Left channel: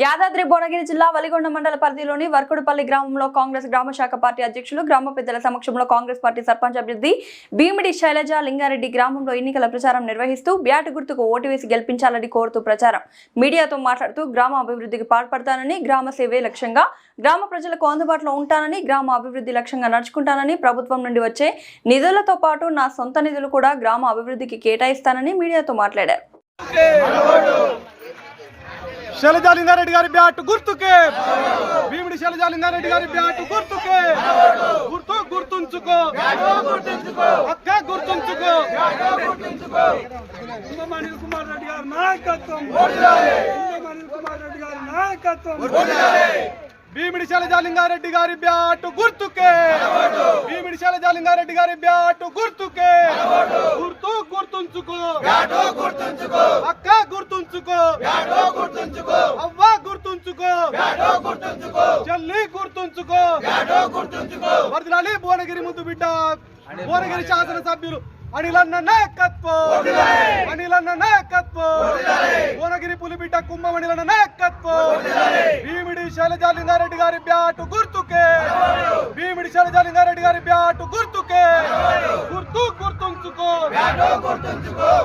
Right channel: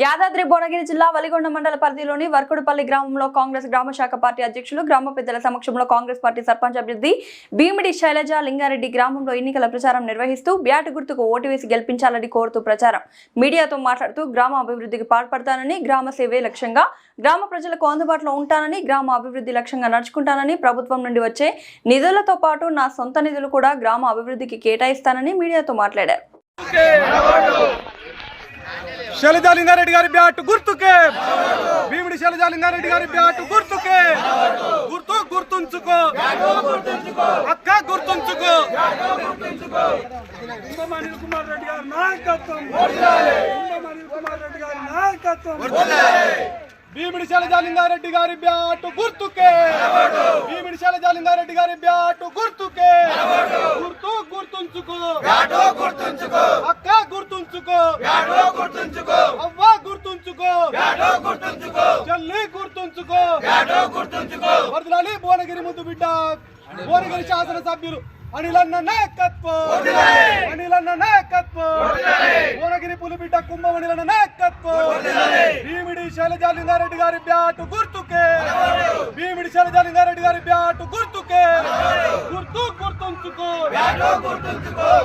యాదాద్రి భువనగిరి జిల్లా వలిగొండ మండల పరిధిలోని వర్కుడుపల్లి గ్రామంలో కాంగ్రెస్ గ్రామ శాఖ పార్టీ అధ్యక్షులు గ్రామ పెద్దల సమక్షంలో కాంగ్రెస్ పార్టీ సర్పంచ్ అభ్యర్థి భీమిడి శైలజ లింగారెడ్డి గ్రామంలో ఎన్నికల ప్రచారం నిర్వహిస్తూ బ్యాట్ గుర్తుకు ఓటు వేసి గెలిపించాలని కోరుతూ ప్రచారం. మీడియాతో మాట్లాడుతూ గ్రామ అభివృద్ధికి పాల్పడతానని గ్రామ సేవే లక్ష్యంగా గ్రామ ప్రజలకు అందుబాటులో ఉంటానని గ్రామ అభివృద్ధి లక్ష్యంగా నడుచుకుంటానని ప్రభుత్వం నుండి వచ్చే నిధులతో పాటు నా సొంత నిధులు కూడా గ్రామ అభివృద్ధికి కేటాయిస్తానని మీడియాతో మాట్లాడారు. శైలజాలింగారెడ్డి గారి బ్యాట్ గుర్తుకే. భీముడి శైలజాలింగారెడ్డి గారి బ్యాట్ గుర్తుకే. గుర్తు గుర్తుంచుకో. అక్క గుర్తుంచుకో. కుమార్ రెడ్డి గారి నాయకత్వం. కుమార్ రెడ్డి గారి నాయకత్వం. భీమిడి శైలజాలింగారెడ్డి గారి బ్యాట్ గుర్తుకే. భీమిడి శైలజాలింగారెడ్డి గారి బ్యాట్ గుర్తుకే. గుర్తు గుర్తుంచుకో. అక్క గుర్తుంచుకో. అవ్వ గుర్తుంచుకో. చెల్లి గుర్తుంచుకో. వరదలాలి భువనగిరి ముద్దు బిడ్డ. భువనగిరి శాసన సభ్యులు అనిలన్న నాయకత్వం. అనిలన్న నాయకత్వం. భువనగిరి పులిబిడ్డ కుంభమణిలన్న నాయకత్వం. భీమిడి శైలజాలింగారెడ్డి గారి బ్యాటు గుర్తుకే. భీమిడి శైలజాలింగారెడ్డి గారి బ్యాటు గుర్తుకే. గుర్తు గుర్తుంచుకో.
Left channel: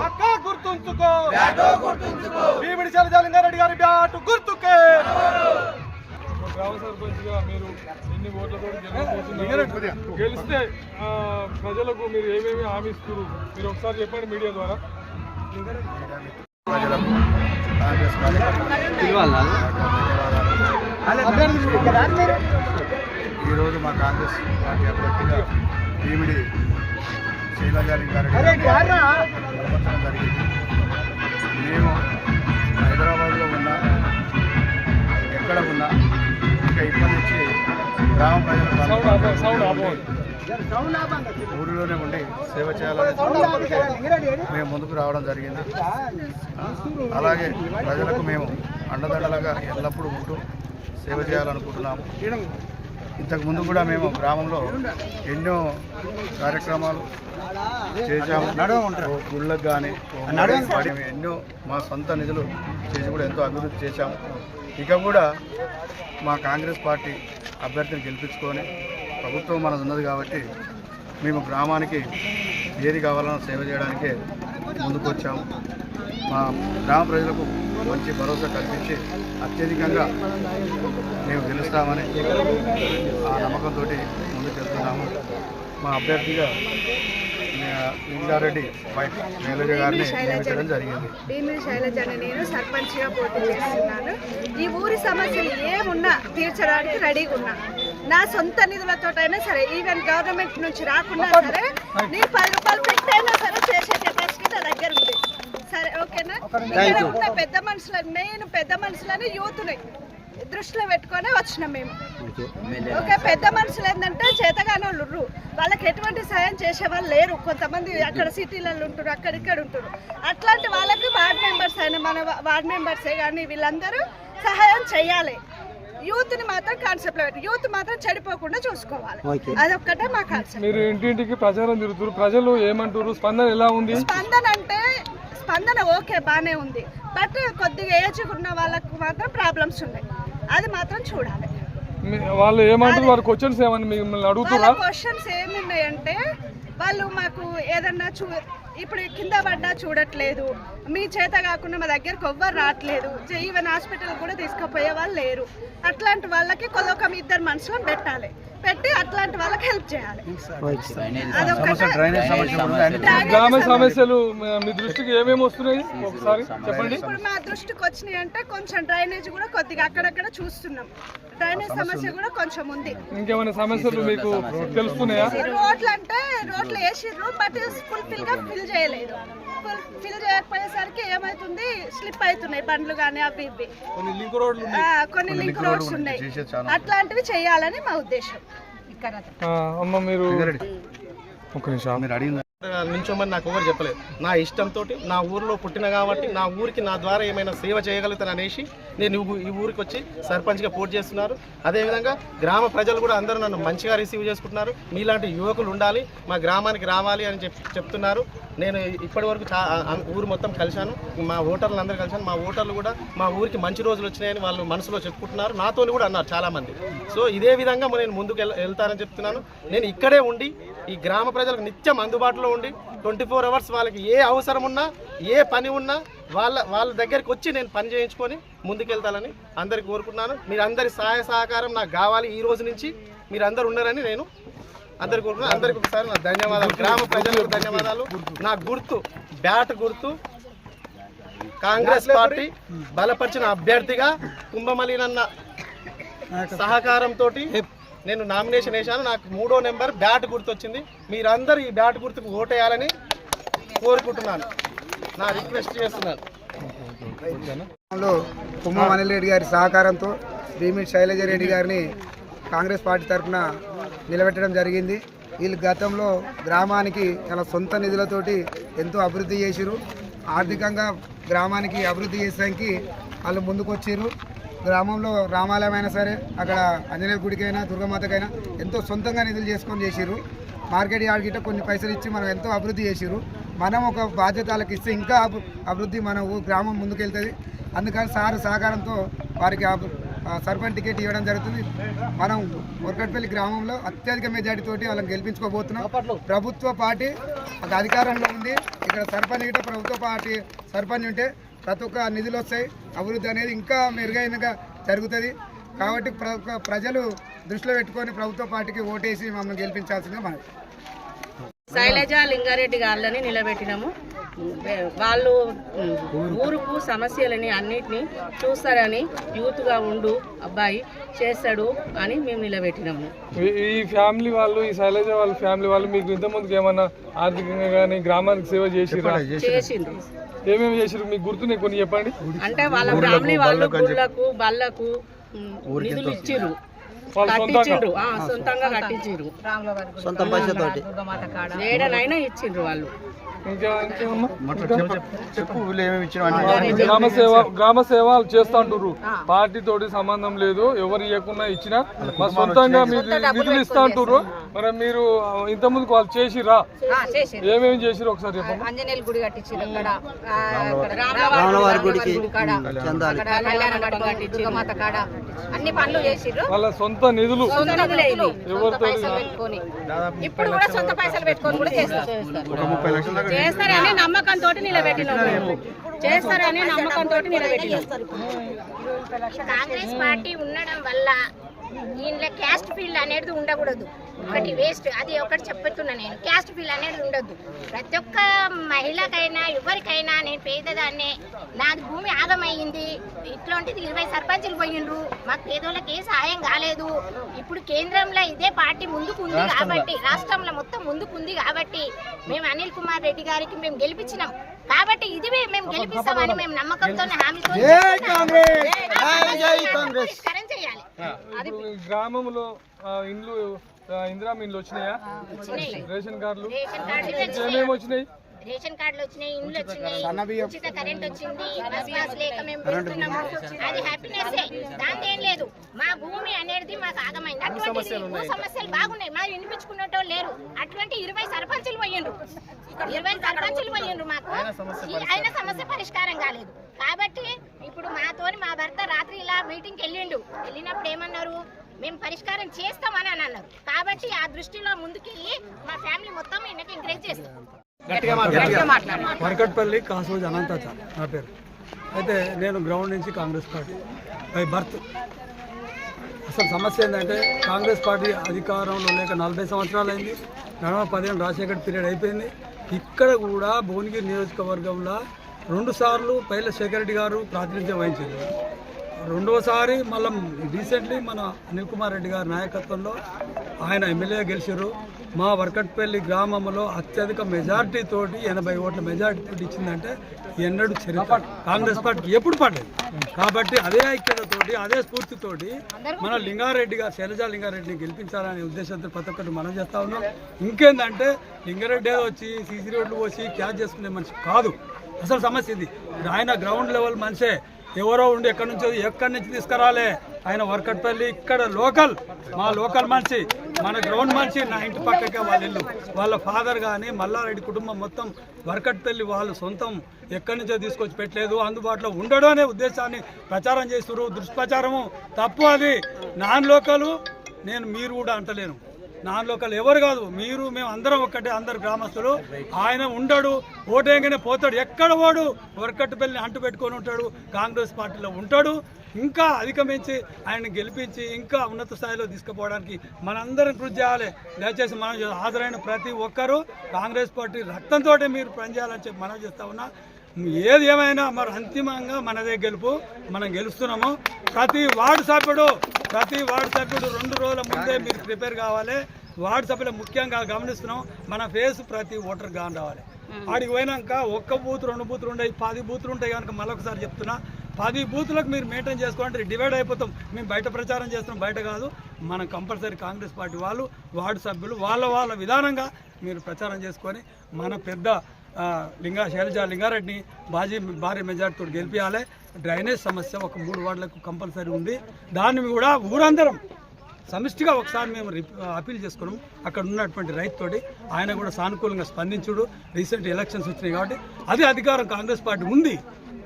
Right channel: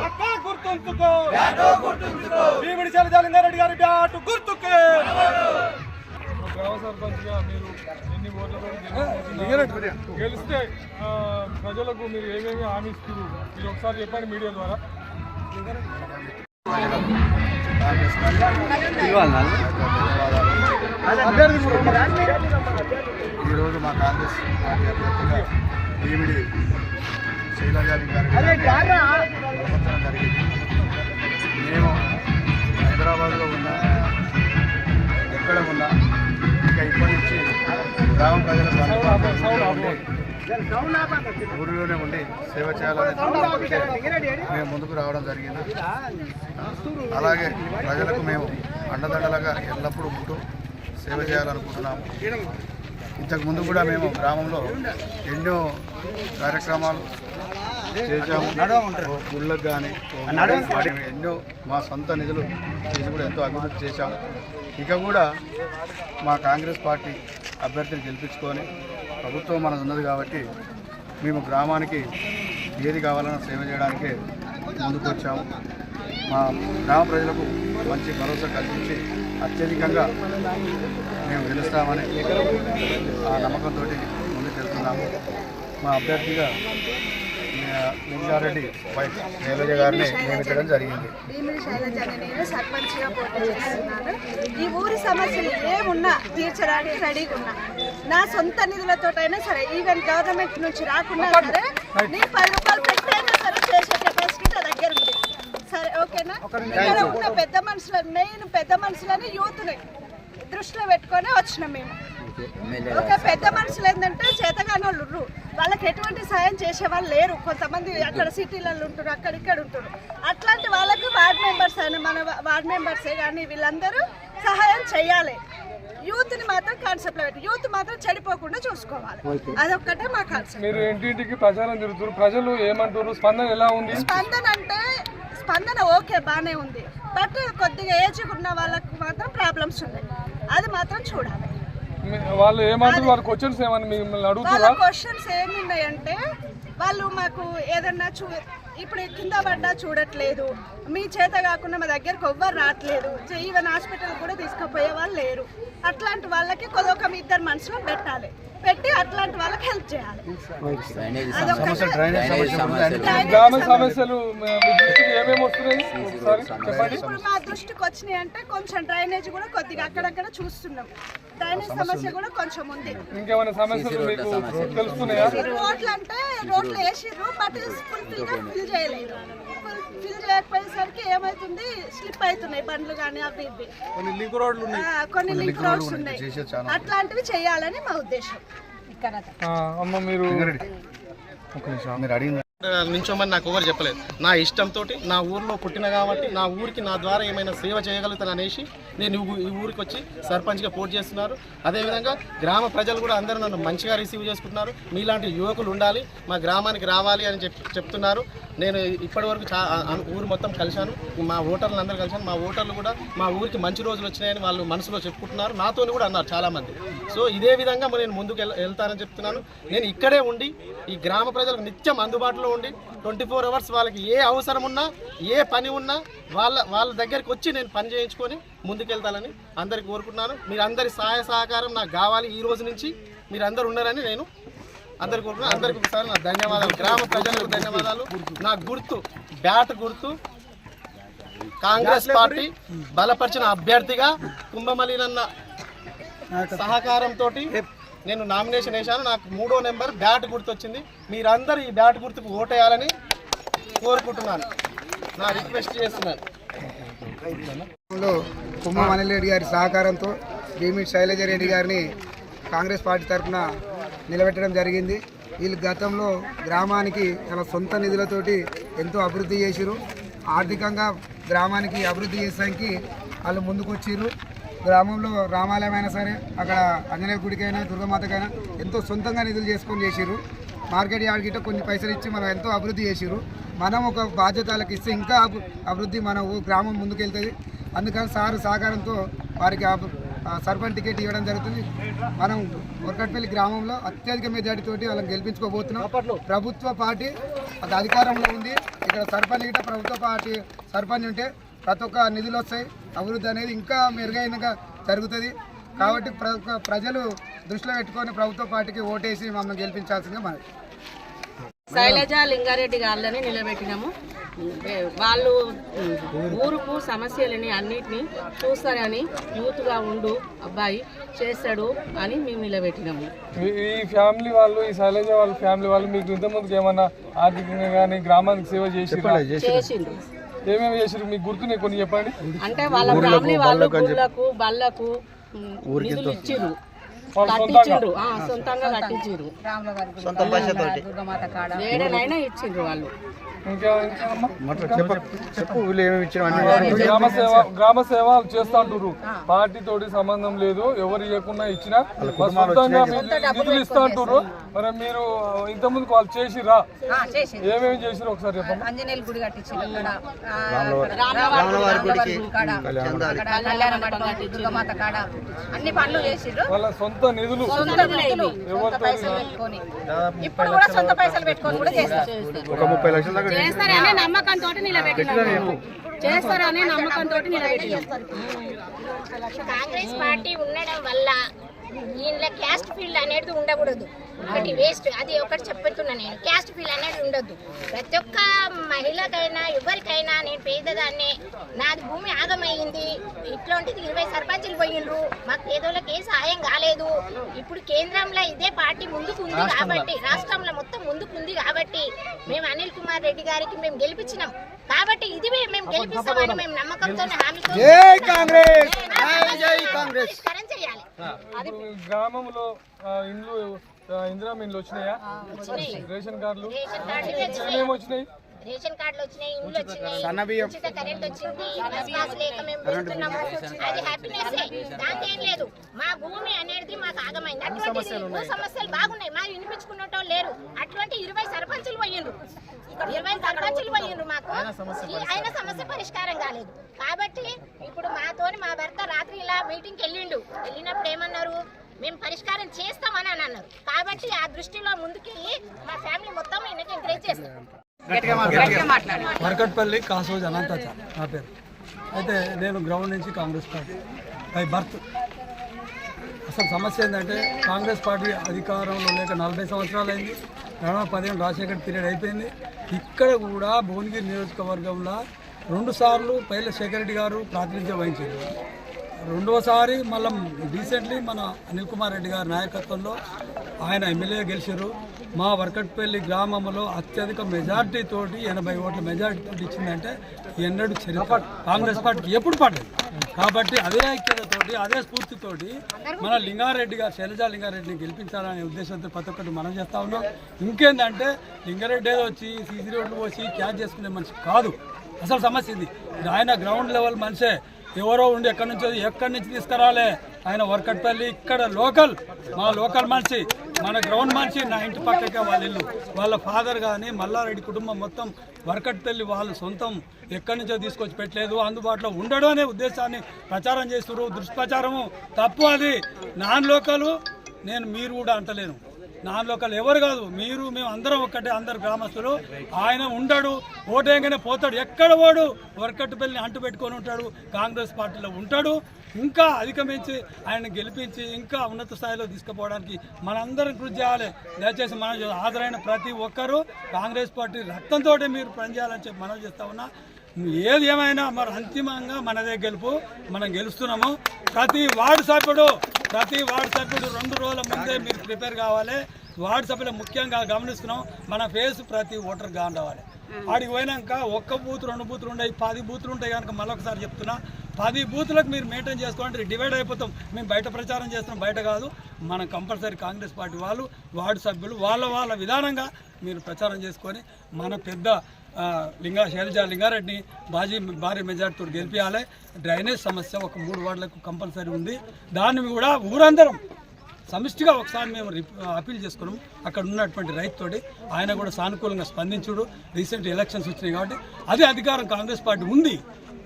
అక్క గుర్తుంచుకో. భీమిడి శైలజాలింగారెడ్డి గారి బ్యాటు గుర్తుకే. గ్రామ సర్పంచ్గా మీరు ఎన్ని ఓట్లతో గెలవబోతున్నారు? గెలిస్తే ప్రజలకు మీరు ఏమేమి హామీ మీరు ఒకసారి చెప్పండి మీడియా ద్వారా. కాంగ్రెస్ ఈరోజు మా కాంగ్రెస్ పార్టీ అభ్యర్థిగా భీమిడి శైలజాలింగారెడ్డి ప్రవర్తన జరిగింది. మేము హైదరాబాద్లో ఉన్నా ఎక్కడ ఉన్నా ఇక ఇప్పటి నుంచి గ్రామ ప్రజలకు అందుబాటులో ఊరిలో ఉండి ఊరిలోనే ఉండి సేవ చేయాలనే మేము ముందుకు రావడం జరిగింది. అలాగే ప్రజలకు మేము అండదండలుగా ఎల్లప్పుడూ ఉంటూ సేవ చేయాలనుకుంటున్నాము. ఇంతకుముందు కూడా మేము గ్రామంలో ఎన్నో కార్యక్రమాలు చేశాము. గుళ్ళకు కానీ ఎన్నో మా సొంత నిధులు చేసి కూడా ఎంతో అభివృద్ధి చేశాము. ఇక కూడా మా కాంగ్రెస్ పార్టీ అభ్యర్థిని గెలిపించుకొని ప్రభుత్వం మనది ఉన్నది కాబట్టి మేము గ్రామానికి ఏది కావాలన్నా సేవ చేయడానికే ముందుకు వచ్చాము మా గ్రామ ప్రజలకు మంచి భరోసా కల్పించి అత్యధికంగా మేము గెలుస్తామని ఆ నమ్మకంతో ముందుకు వెళ్తున్నాము మా అభ్యర్థిగా లింగారెడ్డి నియమించడం జరిగింది. శైలజ నేను సర్పంచ్గా పోటీ చేస్తున్నాను. ఈ ఊరి సమస్యలు ఏమున్నా తీర్చడానికి రెడీగా ఉన్నా. నా సొంత నిధులతోటైనా సరే ఈవెన్ గవర్నమెంట్ నుంచి రాకున్నా సరే నీ పది రూపాయలు పెట్టైనా సరే చేసే కెపాసిటీ నా దగ్గర ఉంది. సరే ఓకేనా? ఇక్కడ ఉన్న పెద్ద మనుషులు మెయిన్ పెద్ద మనుషులని యూత్ని దృష్టిలో పెట్టుకొని వచ్చినాం మేము. ఓకే పెద్ద మనుషులు ఏంటంటే చేతగానే వాళ్ళు. వాళ్ళకి ఎటువంటి సాయం చేసే వాళ్ళు లేరు. కొంతమంది అక్కడ సిటీలలో ఉంటారు అక్కడ ఇక్కడ ఉంటారు అట్లాంటి వాళ్ళకి వార్డ్ మెంబర్స్ అయినా మన వార్డ్ మెంబర్సే కానీ వీళ్ళందరూ సహాయం చేయాలి. యూత్ని మాత్రం కాన్సెప్ట్లో పెట్టి యూత్ మాత్రం చెడిపోకుండా చూసుకోవాలి. అదొక్కటే మా కాన్సెప్ట్. మీరు ఇంటింటికి ప్రచారం తిరుగుతారు ప్రజలు ఏమంటారు స్పందన ఎలా ఉంది? స్పందన అంటే స్పందన ఓకే బాగానే ఉంది. బట్ కొద్దిగా ఏజ్ ఉన్న వాళ్ళకు మాత్రం ప్రాబ్లమ్స్ ఉన్నాయి. అది మాత్రం చూడాలి. వాళ్ళు ఏమంటారు? వారి క్వశ్చన్స్ ఏమని మిమ్మల్ని వాళ్ళ అడుగుతారా క్వశ్చన్స్ ఏమున్నాయంటే వాళ్ళు మాకు ఏదన్నా చూ ఇప్పుడు కింద పడ్డా చూడట్లేదు. మీ చేత కాకుండా మా దగ్గరకు ఎవ్వరు రావట్లేదు. ఈవెన్ హాస్పిటల్ కూడా తీసుకుపోయే వాళ్ళు లేరు. అట్లాంటి వాళ్ళకి కొదొక మీ ఇద్దరు మనసులో పెట్టాలి. పెట్టి అట్లాంటి వాళ్ళకి హెల్ప్ చేయాలి. ఇప్పుడు మా దృష్టికి వచ్చినాయి అంటే కొంచెం డ్రైనేజ్ కూడా కొద్దిగా అక్కడక్కడ చూస్తున్నాం. డ్రైనేజ్ సమస్య కూడా కొంచెం ఉంది. ఇంకేమైనా సమస్యలు మీకు తెలుస్తున్నాయా? రోడ్లు అంటే రోడ్లు వేసిర్రు బట్ ఫుల్ఫిల్గా ఫిల్ చేయలేదు. ఫిల్ చేయకపోయేసరికి ఏమైతుంది? స్లిప్ అవుతున్నాయి బండ్లు కానీ అవి ఇవి. ఆ, కొన్ని లింక్ రోడ్స్ ఉన్నాయి. అట్లాంటివి చేయాలని మా ఉద్దేశం. ఇక్కడ అమ్మ మీరు ఒక నిమిషం. నించోమని నాకు ఎవరు చెప్పలేదు. నా ఇష్టంతో నా ఊర్లో పుట్టిన కాబట్టి నా ఊరికి నా ద్వారా ఏమైనా సేవ చేయగలుగుతాను అనేసి నేను ఈ ఊరికి వచ్చి సర్పంచ్గా పోటీ చేస్తున్నారు. అదేవిధంగా గ్రామ ప్రజలు కూడా అందరూ నన్ను మంచిగా రిసీవ్ చేసుకుంటున్నారు. మీలాంటి యువకులు ఉండాలి మా గ్రామానికి రావాలి అని చెప్తున్నారు. నేను ఇప్పటి వరకు ఊరు మొత్తం కలిశాను. మా ఓటర్లు అందరూ కలిశాను. మా ఓటర్లు కూడా మా ఊరికి మంచి రోజులు వచ్చినాయని వాళ్ళు మనసులో చెప్పుకుంటున్నారు. నాతో కూడా అన్నారు చాలామంది. సో ఇదే విధంగా నేను ముందుకు వెళ్తానని చెప్తున్నాను. నేను ఇక్కడే ఉండి ఈ గ్రామ ప్రజలకు నిత్యం అందుబాటులో ఉండి ట్వంటీ ఫోర్ అవర్స్ వాళ్ళకి ఏ అవసరం ఉన్నా ఏ పని ఉన్నా వాళ్ళ వాళ్ళ దగ్గరికి వచ్చి నేను పని చేయించుకొని ముందుకెళ్తానని అందరికి కోరుకుంటున్నాను. మీరు అందరి సహాయ సహకారం నాకు కావాలి ఈ రోజు నుంచి. మీరు అందరు ఉన్నారని నేను అందరికి కోరుకున్నాను అందరికి ఒకసారి నా ధన్యవాదాలు. గ్రామ ప్రజలకు ధన్యవాదాలు. నా గుర్తు బ్యాట్ గుర్తు. కాంగ్రెస్ పార్టీ బలపరిచిన అభ్యర్థిగా కుంభమలినన్న సహకారంతో నేను నామినేషన్ వేశాను. నాకు మూడో నెంబర్ బ్యాట్ గుర్తొచ్చింది. మీరందరూ ఈ బ్యాట్ గుర్తుకు ఓటేయాలని కోరుకుంటున్నాను. నా రిక్వెస్ట్ చేస్తున్నాను. లో అనిల్ రెడ్డి గారి సహకారంతో భీమిడి శైలజ రెడ్డి గారిని కాంగ్రెస్ పార్టీ తరఫున నిలబెట్టడం జరిగింది. వీళ్ళు గతంలో గ్రామానికి తన సొంత నిధులతోటి ఎంతో అభివృద్ధి చేసిరు ఆర్థికంగా గ్రామానికి అభివృద్ధి చేసడానికి వాళ్ళు ముందుకొచ్చిరు గ్రామంలో రామాలయం అయినా సరే అక్కడ ఆంజనేయ గుడికైనా దుర్గమాతకైనా ఎంతో సొంతంగా నిధులు చేసుకొని చేసిరు మార్కెట్ యార్డ్ గిట్ట కొన్ని పైసలు ఇచ్చి మనం ఎంతో అభివృద్ధి చేసిరు మనం ఒక బాధ్యతలకు ఇస్తే ఇంకా అభి- అభివృద్ధి మన గ్రామం ముందుకెళ్తుంది. అందుకని సార్ సహకారంతో వారికి సర్పంచ్ టికెట్ ఇవ్వడం జరుగుతుంది. మనం మురకట్పల్లి గ్రామంలో అత్యధిక మెజార్టీతోటి వాళ్ళని గెలిపించుకోబోతున్నాం. ప్రభుత్వ పార్టీ ఒక అధికారంలో ఉంది. ఇక్కడ సర్పంచ్ గిట్ట ప్రభుత్వ పార్టీ సర్పంచ్ ఉంటే ప్రతి ఒక్క నిధులు వస్తాయి. అభివృద్ధి అనేది ఇంకా మెరుగైనగా జరుగుతుంది. కాబట్టి ప్ర- ప్రజలు దృష్టిలో పెట్టుకొని ప్రభుత్వ పార్టీకి ఓటేసి మమ్మల్ని గెలిపించాల్సిందిగా మనవి. శైలజ లింగారెడ్డి గారిని నిలబెట్టినాము. వాళ్ళు ఊరుకు సమస్యలని అన్నిటినీ చూస్తారని యూత్గా ఉండు అబ్బాయి చేస్తాడు అని మేము నిలబెట్టినాము. ఈ ఈ ఫ్యామిలీ వాళ్ళు ఈ శైలజ వాళ్ళ ఫ్యామిలీ వాళ్ళు మీకు ఇంతకుముందుకు ఏమన్నా ఆర్థికంగా కానీ గ్రామానికి సేవ చేసిరా? చేసిండ్రు. ఏమేమి చేసిరు మీకు గుర్తున్నాయి కొన్ని చెప్పండి. అంటే వాళ్ళ ఫ్యామిలీ వాళ్ళు గుళ్ళకు బళ్ళకు నిధులు ఇచ్చిర్రు. కట్టించిండ్రు ఆ, సొంతంగా కట్టించిండ్రు సొంత పైసతోటి. ఏడనైనా ఇచ్చిండ్రు వాళ్ళు. గ్రామ సేవ గ్రామ సేవ చేస్తా అంటారు పార్టీ తోటి సంబంధం లేదు ఎవరు ఇవ్వకుండా ఇచ్చినా. సొంతంగా మీరు నిధులు ఇస్తా అంటారు మరి మీరు ఇంత ముందుకు వాళ్ళు చేసిరా ఏమేమి చేసిరు ఒకసారి గుడి కట్టించారు కాడ. అన్ని పనులు చేసిర్రు. వాళ్ళ సొంత నిధులు. సొంత నిధులు, సొంత పైసలు పెట్టుకొని. ఇప్పుడు కూడా సొంత పైసలు పెట్టుకొని కూడా చేస్తారు. చేస్తారనే నమ్మకంతో నిలబెట్టినాం మేము. చేస్తారనే నమ్మకంతో నిలబెట్టినాం కాంగ్రెస్ పార్టీ ఉండడం వల్ల దీనిలో క్యాస్ట్ ఫీల్డ్ అనేది ఉండకూడదు. ఒకటి వేస్ట్ అది ఒకటి చెప్తున్నా నేను. క్యాస్ట్ ఫీల్డ్ అనేది ఉండొద్దు ప్రతి ఒక్క మహిళకైనా ఎవరికైనా నేను పేదదాన్నే నాది భూమి ఆగమయ్యింది ఇట్లాంటిది ఇరవై సర్పంచులు పోయిండ్రు మాకు పేదోళ్ళకి ఏ సాయం కాలేదు. ఇప్పుడు కేంద్రంలో ఇదే పార్టీ ముందుకు ఉంది కాబట్టి రాష్ట్రంలో మొత్తం ముందుకు ఉంది కాబట్టి మేము అనిల్ కుమార్ రెడ్డి గారికి మేము గెలిపించినాం. కాబట్టి ఇది మేము గెలిపిస్తామని మేము నమ్మకంతో హామీతో చేయాలి. గ్రామంలో ఆ, ఇండ్లు ఇందిరా ఇండ్లు వచ్చినాయా? రేషన్ కార్డులు. ఏమేమి వచ్చినాయి. రేషన్ కార్డులు వచ్చినాయి ఇండ్లు వచ్చినాయి. ఉచిత కరెంట్ వచ్చింది బస్ పాస్ లేక మేము పెడుతున్నాము అది హ్యాపీనెస్ దాంతో ఏం లేదు మా భూమి అనేది మాకు ఆగమైంది అటువంటి భూ సమస్యలు బాగున్నాయి. మా వినిపించుకున్నట్టు లేరు. అటువంటి ఇరవై సర్పంచులు పోయిండ్రు. ఇరవై సర్పంచులు పోయిండ్రు మాకు. ఈ అయిన సమస్య పరిష్కారం కాలేదు. కాబట్టి ఇప్పుడు మాతోని మా భర్త రాత్రి ఇలా మీటింగ్కి వెళ్ళిండు. వెళ్ళినప్పుడు ఏమన్నారు? మేము పరిష్కారం చేస్తామని అని అన్నారు. కాబట్టి ఆ దృష్టిలో ముందుకి మా ఫ్యామిలీ మొత్తం ఈయనకి ఎంకరేజ్ చేస్తాం. మరకట్పల్లి కాసోజు అనంతాచార్ నా పేరు. అయితే నేను గ్రౌండ్ నుంచి కాంగ్రెస్ పార్టీ. By birth. అసలు సమస్య ఏంటంటే కాంగ్రెస్ పార్టీ అధికారంలో లేక నలభై సంవత్సరాలు అయింది నడమ పదిహేను రాజశేఖర్ పీరియడ్ అయిపోయింది. ఇక్కడ కూడా భువనగిరి నియోజకవర్గంలో రెండుసార్లు పైల శేఖరెడ్డి గారు ప్రాతినిధ్యం వహించారు. రెండోసారి మళ్ళీ రీసెంట్లీ మన అనిల్ కుమార్ రెడ్డి గారి నాయకత్వంలో ఆయన ఎమ్మెల్యే గెలిచారు. మా వర్కట్పల్లి గ్రామంలో అత్యధిక మెజార్టీ తోటి ఎనభై ఓట్ల మెజార్టీ తోటి ఇచ్చిందంటే ఎన్నడూ చరిత్ర కాంగ్రెస్ పార్టీకి ఎప్పుడు పడలేదు. కాబట్టి అదే ఐక్యతతోటి అదే స్ఫూర్తితోటి మన లింగారెడ్డి గారు శైలజా లింగారెడ్డిని గెలిపించాలనే ఉద్దేశంతో ప్రతి ఒక్కటి మనం చేస్తా ఉన్నాం. ఇంకేందంటే లింగారెడ్డి ఏదో వచ్చి సీసీ రోడ్లు పోసి క్యాచ్ చేసుకునే మనిషి కాదు. అసలు సమస్య ఇది. ఆయన గ్రౌండ్ లెవెల్ మనిషే. ఎవరో ఉండి ఎక్కడి నుంచో ఎక్కడి నుంచి తీసుకురాలే. ఆయన వర్కట్పల్లి ఇక్కడ లోకల్ మా లోకల్ మనిషి మన గ్రౌండ్ మనిషి నా ఇంటి పక్కకే వాళ్ళ ఇల్లు. వాళ్ళ ఫాదర్ కానీ మల్లారెడ్డి కుటుంబం మొత్తం వర్కట్పల్లి వాళ్ళు సొంతం. ఎక్కడి నుంచో తీసుకొచ్చి పెట్టలేదు. అందుబాటులో ఉండడం అనే ఉద్దేశాన్ని ప్రచారం చేస్తున్నారు. దుష్ప్రచారము తప్పు అది. నాన్ లోకలు నేను మీరు కూడా అంటలేను. నాన్ లోకల్ ఎవరు కాదు. మీరు మేము అందరం ఒక్కటే అందరు గ్రామస్తులు. ఆయన ఉండడు ఓటేయంగానే పోతాడు. ఎక్కడ వాడు వర్కట్టుపల్లిని అంటు పెట్టుకొని ఉంటాడు. కాంగ్రెస్ పార్టీలో ఉంటాడు. ఇంకా అధిగమించి ఆయన గెలిపించి ఇంకా ఉన్నత స్థాయిలో తీసుకుపోవడానికి మనందరం కృషి చేయాలి. దయచేసి మనం హాజరైన ప్రతి ఒక్కరూ కాంగ్రెస్ పార్టీ రక్తంతో మీరు పనిచేయాలని చెప్పి మనం చేస్తా ఉన్నా. ఏది ఏమైనా మరి అంతిమంగా మనదే గెలుపు మనం గెలుస్తున్నాము. ప్రతి వార్డు సభ్యుడు ప్రతి వార్డు సభ్యుడు రెండు రోజుల ముందే మీరు ప్రిపేర్ కావాలి. వార్డు సభ్యులు ముఖ్యంగా గమనిస్తున్నాం. మన ఫేస్ ప్రతి ఓటర్ గాని రావాలి. ఆడికి పోయినాక ఒక్క బూత్ రెండు బూతులు ఉండే పది బూతులు ఉంటాయి కనుక మళ్ళొకసారి చెప్తున్నా. పది బూతులకు మీరు మెయింటైన్ చేసుకోండి డివైడ్ అయిపోతాం. మేము బయట ప్రచారం చేస్తున్నాం బయట కాదు. మనం కంపల్సరీ కాంగ్రెస్ పార్టీ వాళ్ళు వార్డు సభ్యులు వాళ్ళ వాళ్ళ విధానంగా మీరు ప్రచారం చేసుకొని మన పెద్ద లింగా శైలజ లింగారెడ్డిని బాజీ భారీ మెజార్టీతో గెలిపించాలి డ్రైనేజ్ సమస్య ఒక మూడు వార్డులకు కంపల్సరీ ఉంది. దాన్ని కూడా ఊరందరం సమిష్టిగా ఒకసారి మేము అప్పీల్ చేసుకున్నాం. అక్కడ ఉన్నటువంటి రైతుతోటి ఆయన కూడా సానుకూలంగా స్పందించుడు. రీసెంట్ ఎలక్షన్స్ వచ్చినాయి కాబట్టి అది అధికారం కాంగ్రెస్ పార్టీ ఉంది.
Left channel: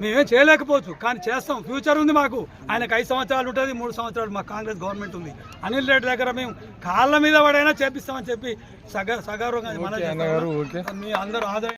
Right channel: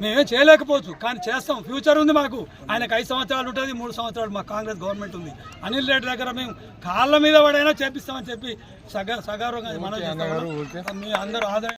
మేమేం చేయలేకపోవచ్చు. కానీ చేస్తాం. ఫ్యూచర్ ఉంది మాకు. ఆయనకు ఐదు సంవత్సరాలు ఉంటుంది మూడు సంవత్సరాలు మా కాంగ్రెస్ గవర్నమెంట్ ఉంది. అనిల్ రెడ్డి దగ్గర మేము కాళ్ళ మీద పడైనా చేపిస్తామని చెప్పి సగ సగర్వంగా మనం మీ అందరూ ఆదాయం